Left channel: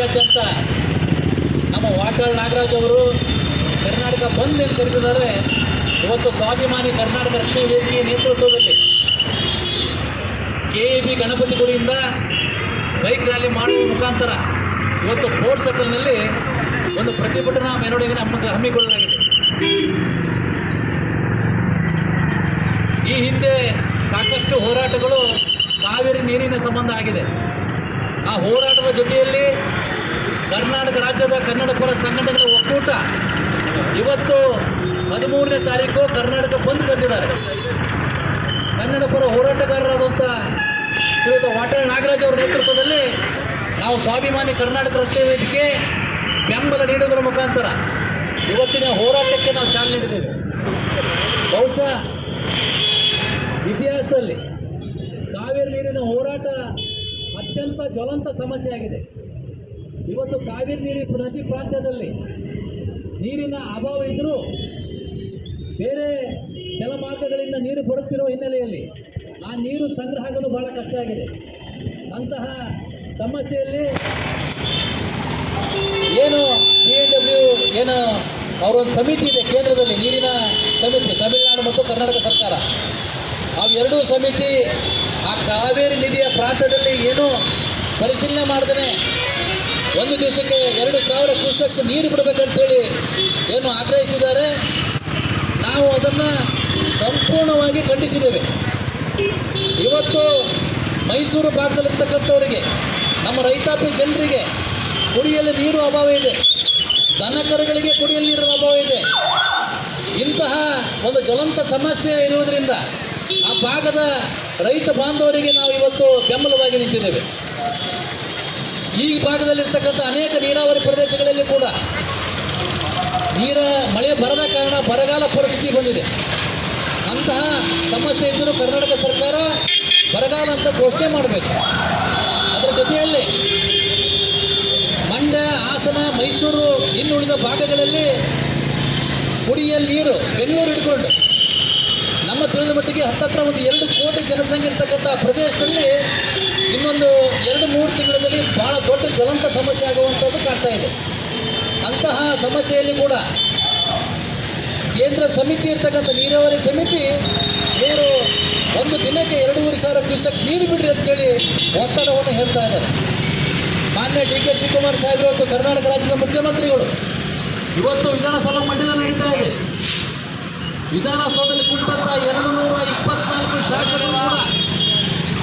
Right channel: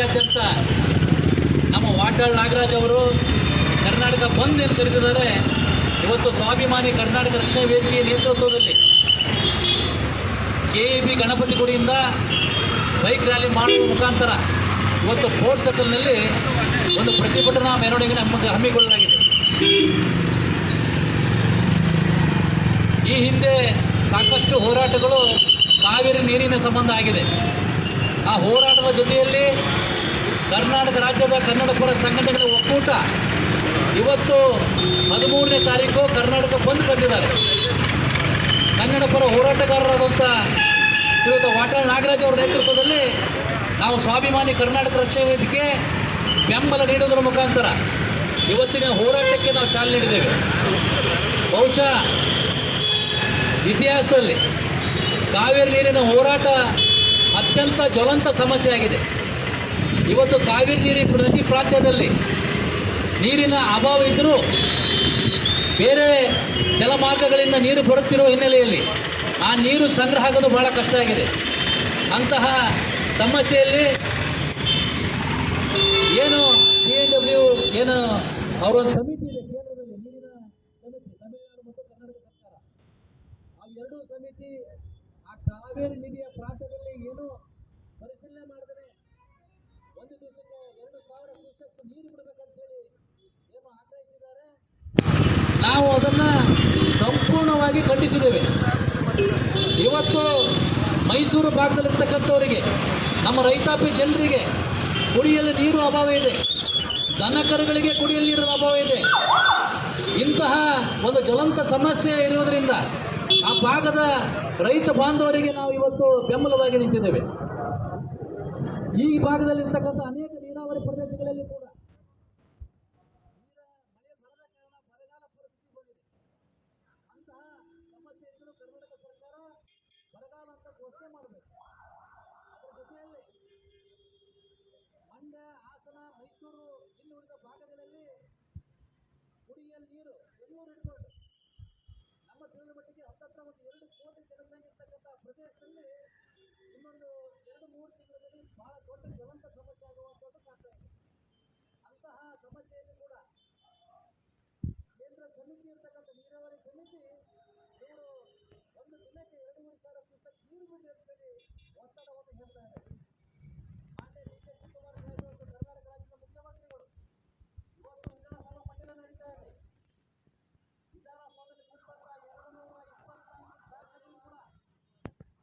ರಾಜ್ಯಾದ್ಯಂತ ನಮ್ಮ ವಾಟಾಳ್ ನಾಗರಾಜ್ ಅವರು ಕರ್ನಾಟಕ ಬಂದ್ ಎಂದು ಕರೆದಿದ್ದಾರೆ. ಇವತ್ತು ಸ್ವಾಭಿಮಾನಿ ಕರ್ನಾಟಕ ರಕ್ಷಣಾ ವೇದಿಕೆಯ ನೇತೃತ್ವದಲ್ಲಿ KEB ಗಣಪತಿ ಗುಡಿಯಿಂದ ಬೈಕ್ ರ್ಯಾಲಿ ಮಾಡುವ ಮುಖಾಂತರ ಇವತ್ತು ಫೋರ್ಟ್ ಸರ್ಕಲ್ನಲ್ಲಿ ಒಂದು ಪ್ರತಿಭಟನಾ ಮೆರವಣಿಗೆ ಹಮ್ಮಿಕೊಳ್ಳಲಾಗಿದೆ. ಈ ಹಿಂದೆ ಸಾಕಷ್ಟು ಹೋರಾಟಗಳು ಕಾವೇರಿ ನೀರಿನ ಸಂಬಂಧ ಆಗಿದೆ. ಆ ಹೋರಾಟದ ಜೊತೆಯಲ್ಲಿ ಕರ್ನಾಟಕ ರಾಜ್ಯದ ಕನ್ನಡ ಪರ ಸಂಘಟನೆಗಳ ಒಕ್ಕೂಟ ಇವತ್ತು 13ನೇ ತಾರೀಕು ಕರ್ನಾಟಕ ಬಂದ್ ಕರೆದಿದ್ದಾರೆ. ಕನ್ನಡ ಪರ ಹೋರಾಟಗಾರರಾದಂಥ ಶ್ರೀಯುತ ವಾಟಾಳ್ ನಾಗರಾಜ್ ಅವರ ನೇತೃತ್ವದಲ್ಲಿ ನಾವು ಸ್ವಾಭಿಮಾನಿ ಕರ್ನಾಟಕ ರಕ್ಷಣಾ ವೇದಿಕೆ ಬೆಂಬಲ ನೀಡುವುದರ ಮುಖಾಂತರ ಇವತ್ತಿನ ಹೋರಾಟಕ್ಕೆ ನಾವು ಚಾಲನೆ ನೀಡಿದ್ದೇವೆ. ಬಹುಶಃ ಇತಿಹಾಸದಲ್ಲಿ ಕಾವೇರಿ ನೀರಿನ ಹೋರಾಟ ಅತ್ಯಂತ ಜ್ವಲಂತ ಸಮಸ್ಯೆ ಆಗಿದೆ. ಇವತ್ತು ಕಾವೇರಿ ನದಿ ಪ್ರಾಂತ್ಯದಲ್ಲಿ ನೀರಿನ ಅಭಾವ ಇದ್ದರೂ ಬೇರೆ ಜಲಮಾರ್ಗಗಳಿಂದ ನೀರು ಬರುತ್ತಿರುವ ಹಿನ್ನೆಲೆಯಲ್ಲಿ ಆ ನೀರು ಸಂಗ್ರಹ ಆಗೋದು ಭಾಳ ಕಷ್ಟ ಆಗಿದೆ. ಅಂತಹ ಸಮಸ್ಯೆಯಲ್ಲಿ ಏನು CNW ಏನು ಅವರೊಂದು ಸಮಿತಿ ಇದೆ ಕೇಂದ್ರದಲ್ಲಿ, ನೀರಿನ ಸಮಿತಿ, ತಮಿಳುನಾಡು ಮತ್ತು ಕರ್ನಾಟಕ ಸರ್ಕಾರ, ಅವೆರಡೂ ಸಮಿತಿ ಆ ಕಾವೇರಿ ನದಿಯ ಪ್ರಾಂತ್ಯದಲ್ಲಿ ಏನು ಪರಿಶೀಲನೆ ಮಾಡ್ದೇ ಒಂದು ದಿವಸಕ್ಕೆ 2000 ಕ್ಯೂಸೆಕ್ಸ್ ನೀರು ಬಿಡಬೇಕಂತೇಳಿ ಏನು ಆಗ್ರಹಿಸಿದ್ದಾರೆ. ನಾವು ಅದನ್ನು ಸಂಪೂರ್ಣವಾಗಿ ಖಂಡಿಸಿದ್ದೇವೆ. ಇವತ್ತು ಮೈಸೂರು ಭಾಗದಲ್ಲಿರ್ತಕ್ಕಂಥವರಿಗೆ, ನಮ್ಮ ರೈತಾಪಿ ಜನರಿಗೆ ಕುಡಿಯಲು ನೀರು ಅಭಾವ ಇದೆ, ದನಕರುಗಳಿಗೆ ಕುಡಿಯಲು ನೀರಿನ ಅಭಾವ ಇದೆ. ಇಂತಹ ಒಂದು ಜ್ವಲಂತ ಸಮಸ್ಯೆ ಇರುವುದರಿಂದ ಆ ಭಾಗದ ರೈತ ಬಾಂಧವರಿಗೆ ನಾವು ಇವತ್ತು ಬೆಂಬಲವಾಗಿ ನಿಂತಿದ್ದೇವೆ. ಈ ಭಾಗದಲ್ಲಿರ್ತಕ್ಕಂಥ ಅನೇಕ ನೀರಾವರಿ ಪ್ರದೇಶಗಳಲ್ಲಿ ಕೂಡ ಮಳೆ ಬರದ ಕಾರಣ ಬರಗಾಲ ಪರಿಸ್ಥಿತಿ ಬಂದಿದೆ. ಅಂತಹ ಸಮಸ್ಯೆ ಇದ್ದರೂ ಕರ್ನಾಟಕ ಸರ್ಕಾರ ಬರಗಾಲ ಅಂತ ಘೋಷಣೆ ಮಾಡಬೇಕು. ಅದರ ಜೊತೆಯಲ್ಲಿ ಮಂಡ್ಯ, ಹಾಸನ, ಮೈಸೂರು ಇನ್ನುಳಿದ ಭಾಗಗಳಲ್ಲಿ ಕುಡಿಯಲು ನೀರು ಬೆಂಗಳೂರು ಹಿಡ್ಕೊಂಡು ನಮ್ಮ ತಿಳಿದ ಮಟ್ಟಿಗೆ ಹತ್ತತ್ರ ಒಂದು 2 ಕೋಟಿ ಜನಸಂಖ್ಯೆ ಇರ್ತಕ್ಕಂಥ ಪ್ರದೇಶದಲ್ಲಿ ಇನ್ನೊಂದು 2-3 ತಿಂಗಳಲ್ಲಿ ಭಾಳ ದೊಡ್ಡ ಜ್ವಲಂತ ಸಮಸ್ಯೆ ಆಗುವಂಥದ್ದು ಕಾಣ್ತಾ ಇದೆ. ಅಂತಹ ಸಮಸ್ಯೆಯಲ್ಲಿ ಕೂಡ ಕೇಂದ್ರ ಸಮಿತಿ ಇರ್ತಕ್ಕಂಥ ನೀರಾವರಿ ಸಮಿತಿ ಇವರು ಒಂದು ದಿನಕ್ಕೆ 2,500 ಕ್ಯೂಸೆಕ್ಸ್ ನೀರು ಬಿಡ್ರಿ ಅಂತೇಳಿ ಒತ್ತಡವನ್ನು ಹೇಳ್ತಾ ಇದ್ದಾರೆ. ಮಾನ್ಯ DK ಶಿವಕುಮಾರ್ ಸಾಹೇಬರು ಮತ್ತು ಕರ್ನಾಟಕ ರಾಜ್ಯದ ಮುಖ್ಯಮಂತ್ರಿಗಳು ಇವತ್ತು ವಿಧಾನಸಭಾ ಮಂಡಲ ನಡೀತಾ ಇದೆ. ವಿಧಾನಸೌಧದಲ್ಲಿ ಕುಳಿತಂಥ 224 ಶಾಸಕರು ಕೂಡ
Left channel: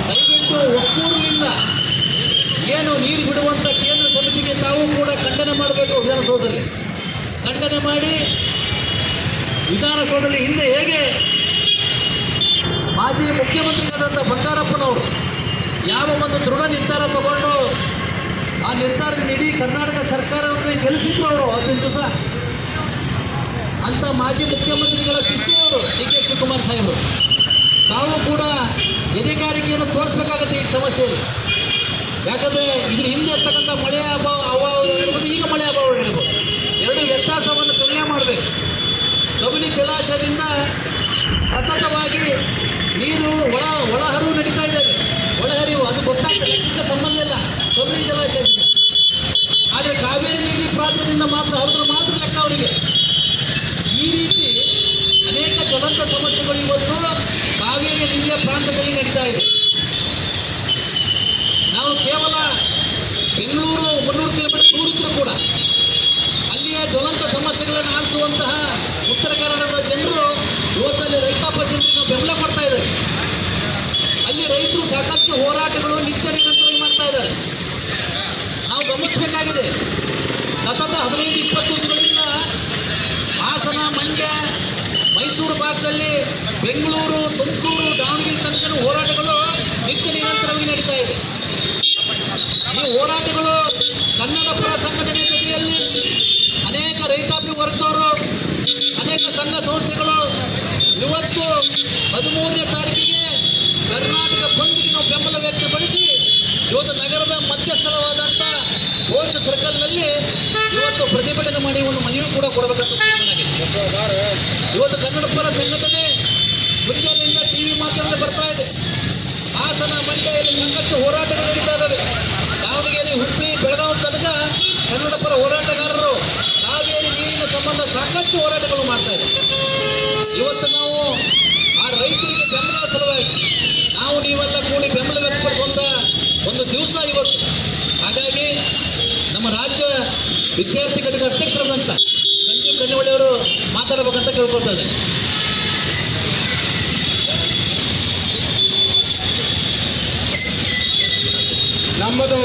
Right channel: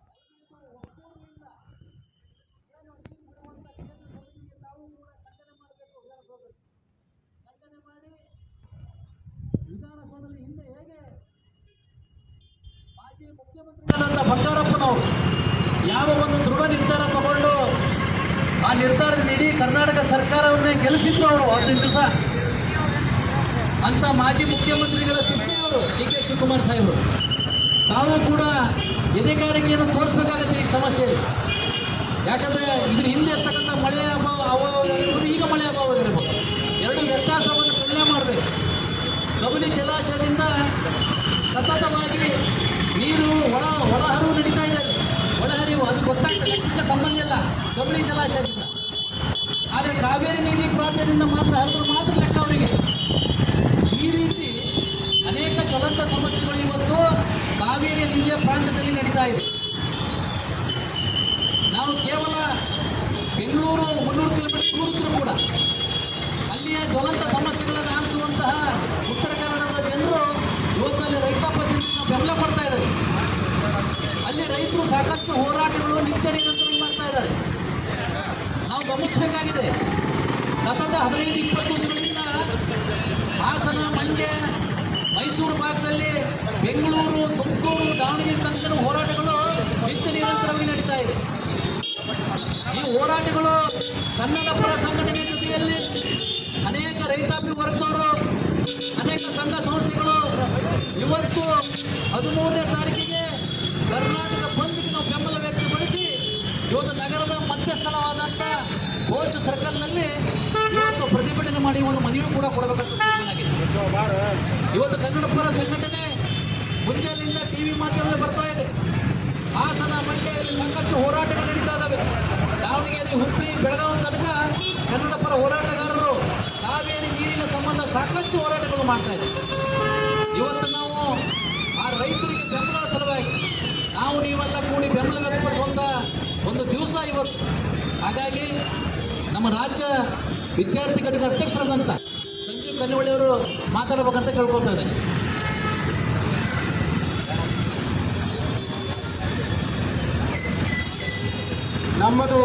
ದಯವಿಟ್ಟು ಒಕ್ಕೂರಿನಿಂದ ಏನು ನೀರು ಬಿಡುವಂಥ ಕೇಂದ್ರ ಸಮಿತಿಗೆ ತಾವು ಕೂಡ ಖಂಡನೆ ಮಾಡಬೇಕು. ವಿಧಾನಸೌಧದಲ್ಲಿ ಖಂಡನೆ ಮಾಡಿ ವಿಧಾನಸೌಧದಲ್ಲಿ ಹಿಂದೆ ಹೇಗೆ ಮಾಜಿ ಮುಖ್ಯಮಂತ್ರಿಗಳಾದಂಥ ಬಂಗಾರಪ್ಪನವರು ಯಾವ ಒಂದು ದೃಢ ನಿರ್ಧಾರ ತಗೊಂಡು ಆ ನಿರ್ಧಾರದ ಇಡೀ ಕರ್ನಾಟಕ ಸರ್ಕಾರವನ್ನೇ ಗೆಲ್ಲಿಸಿದ್ರು ಅವರು 15 ದಿವಸ. ಅಂಥ ಮಾಜಿ ಮುಖ್ಯಮಂತ್ರಿಗಳ ಶಿಷ್ಯರು DK ಶಿವಕುಮಾರ್ ಸಾಹೇಬರು ತಾವು ಕೂಡ ಎದೆಗಾರಿಕೆಯನ್ನು ತೋರಿಸ್ಬೇಕಾಗತ್ತೆ ಈ ಸಮಸ್ಯೆಯಲ್ಲಿ. ಯಾಕಂದರೆ ಇದ್ರ ಹಿಂದೆ ಇರ್ತಕ್ಕಂಥ ಮಳೆಯ ಅಭಾವ ಇರ್ಬೋದು, ಈಗ ಮಳೆ ಅಭಾವ ಇರ್ಬೋದು, ಎರಡು ವ್ಯತ್ಯಾಸವನ್ನು ತುಲನೆ ಮಾಡಬೇಕು. ಕಬಿನಿ ಜಲಾಶಯದಿಂದ ಸತತವಾಗಿ ನೀರು ಒಳಹರಿವು ನಡೀತಾ ಇದೆ. ಒಳಹರಿವು ಅದು ಗೊತ್ತಾಗ್ತದೆ, ಲೆಕ್ಕಕ್ಕೆ ಸಂಬಂಧ ಇಲ್ಲ ಕಬಿನಿ ಜಲಾಶಯದಿಂದ. ಆದರೆ ಕಾವೇರಿ ನದಿ ಪ್ರಾಂತ್ಯದಿಂದ ಮಾತ್ರ ಹರಿದ್ರು ಮಾತ್ರ ಲೆಕ್ಕ ಅವರಿಗೆ. ಈ ರೀತಿ ಅನೇಕ ಜ್ವಲಂತ ಸಮಸ್ಯೆಗಳು ಇವತ್ತು ಕಾವೇರಿ ನದಿಯ ಪ್ರಾಂತ್ಯದಲ್ಲಿ ನಡೀತಾ ಇದೆ. ನಾವು ಕೇವಲ ಬೆಂಗಳೂರು 300 ಕಿಲೋಮೀಟರ್ ದೂರ ಇದ್ದರೂ ಕೂಡ ಅಲ್ಲಿಯ ಜ್ವಲಂತ ಸಮಸ್ಯೆಗಳನ್ನು ಆಲಿಸುವಂತಹ ಉತ್ತರ ಕನ್ನಡದ ಜನರು ಇವತ್ತಲ್ಲಿ ರೈತಾಪ ಜನರಿಗೆ ಬೆಂಬಲ ಕೊಡ್ತಾ ಇದ್ದಾರೆ. ಅಲ್ಲಿ ರೈತರು ಸಾಕಷ್ಟು ಹೋರಾಟಗಳು ನಿತ್ಯ ನಿರಂತರವಾಗಿ ಮಾಡ್ತಾ ಇದ್ದಾರೆ. ನಾವು ಗಮನಿಸಬೇಕಾಗಿದೆ, ಸತತ 15-20 ದಿವಸಗಳಿಂದ ಹಾಸನ, ಮಂಡ್ಯ, ಮೈಸೂರು ಭಾಗದಲ್ಲಿ, ಬೆಂಗಳೂರು, ತುಮಕೂರು, ದಾವಣಗೆರೆ ತನಕ ಹೋರಾಟಗಳು ನಿತ್ಯ ನಿರಂತರವಾಗಿ ನಡೀತಾ ಇದೆ. ಈ ಹೋರಾಟಗಳು ಕನ್ನಡ ಪರ ಸಂಘಟನೆ ಜೊತೆಯಲ್ಲಿ ಅನೇಕ ರೈತಾಪಿ ವರ್ಗದವರು, ಅನೇಕ ಸಂಘ ಸಂಸ್ಥೆಗಳು ಇವತ್ತು 13ನೇ ತಾರೀಕಿಗೆ ಕರ್ನಾಟಕ ಬಂದ್ಗೆ ನಾವು ಬೆಂಬಲ ವ್ಯಕ್ತಪಡಿಸಿ ಇವತ್ತು ನಗರದ ಮಧ್ಯಸ್ಥಳವಾದಂಥ ಫೋರ್ಟ್ ಸರ್ಕಲ್ನಲ್ಲಿ ಇವತ್ತು ಪ್ರತಿಭಟನೆ ಮಾಡಿ ಒಂದು ಮನವಿ ಕೂಡ ಕೊಡಬೇಕಂತ ತೀರ್ಮಾನಾಗಿದೆ. ಇವತ್ತು ಕನ್ನಡ ಪರ ಸಂಘಟನೆ ಮುಂಜಾನೆಯಿಂದ TV ಮಾಧ್ಯಮದಲ್ಲಿ ಬರ್ತಾ ಇದೆ. ಹಾಸನ, ಮಂಡ್ಯದಲ್ಲಿ ಸಾಕಷ್ಟು ಹೋರಾಟಗಳು ನಡೀತಾ ಇದ್ದಾವೆ. ದಾವಣಗೆರೆ, ಹುಬ್ಬಳ್ಳಿ, ಬೆಳಗಾವಿ ತನಕ ಸಾಕಷ್ಟು ಹೋರಾಟಗಳು ಮಾಡ್ತಾ ಇದ್ದಾರೆ. ಇವತ್ತು ನಾವು ಆ ರೈತರಿಗೆ ಬೆಂಬಲ ಸಲುವಾಗಿ ನಾವು ನೀವೆಲ್ಲ ಕೂಡಿ ಬೆಂಬಲ ವ್ಯಕ್ತಪಡಿಸುವಂಥ ಒಂದು ದಿವಸ ಇವತ್ತು. ಹಾಗಾಗಿ ನಮ್ಮ ರಾಜ್ಯ ವಿದ್ಯಾರ್ಥಿ ಘಟಕ ಅಧ್ಯಕ್ಷರಾದಂಥ ಸಂಜೀವ್ ಕನ್ನಿವಳ್ಳಿಯವರು ಮಾತಾಡಬೇಕಂತ ಕೇಳ್ಕೊಳ್ತಾ ಇದ್ದಾರೆ. ನಮ್ಮದು